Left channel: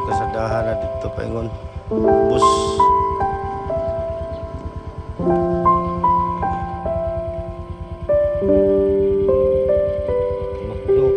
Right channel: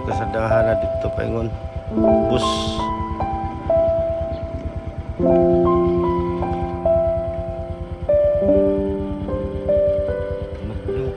Ang kasadahan na dito paingon. Bus. Magdok.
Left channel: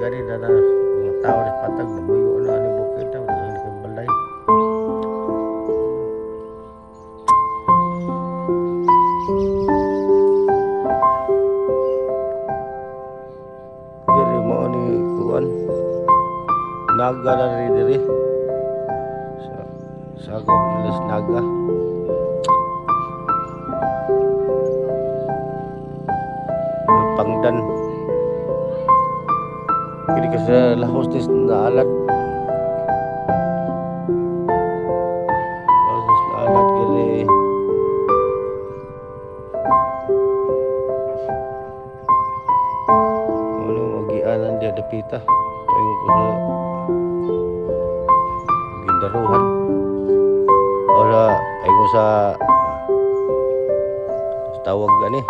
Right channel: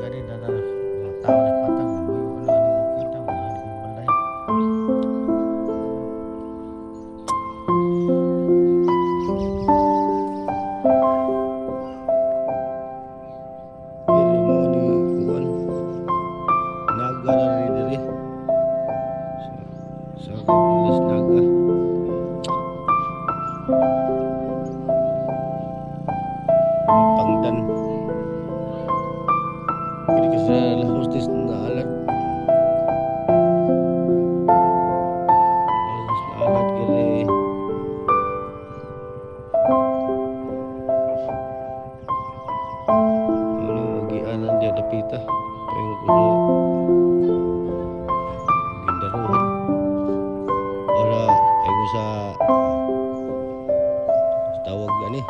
Gani na mga tao ni patag nabuyo na ani bukid daw ni balay. Diri mo ni kuan naga na rin diri sa kabilas naga. Pangdan kini kasi la hostess na alat. Hostess na alat kini. Ano magianan dia dapita. Paingon ko sa gindaruhan. Ora paingon sa tawag ani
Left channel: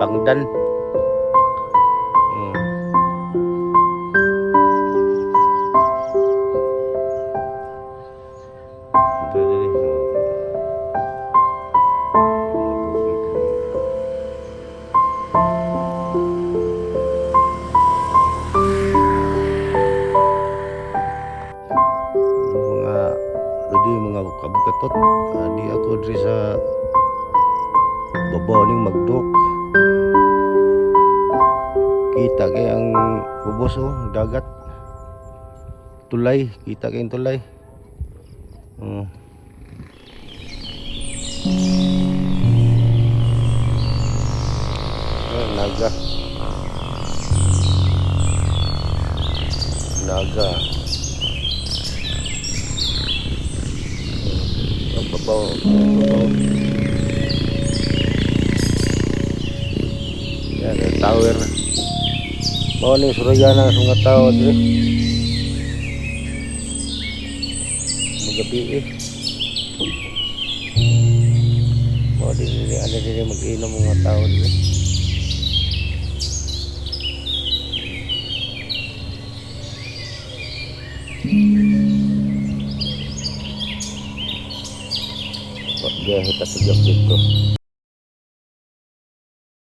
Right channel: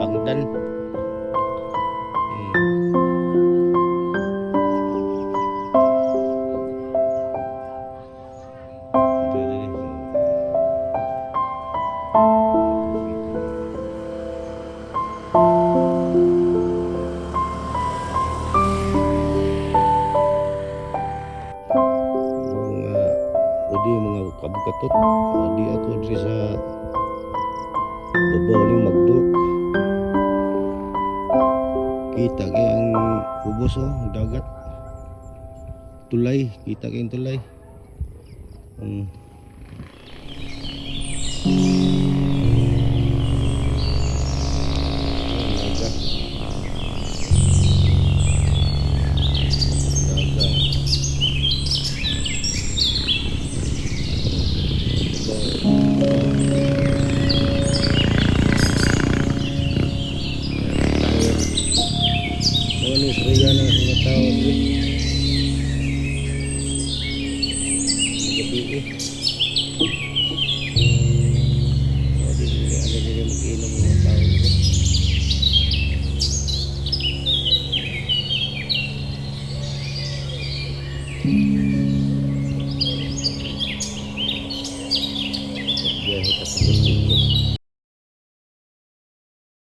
pangdan. Mga kabukatot di ako diri sa babaw ning Magdok. Kita kay ang ubos dagat tulay, kita kay tulay. Naga naga babaw. Yan tower mo ni suryanan sa mga tao diri magabi mo diri ano diri mag-inom mga tao diri. Biyahe ta sa dito.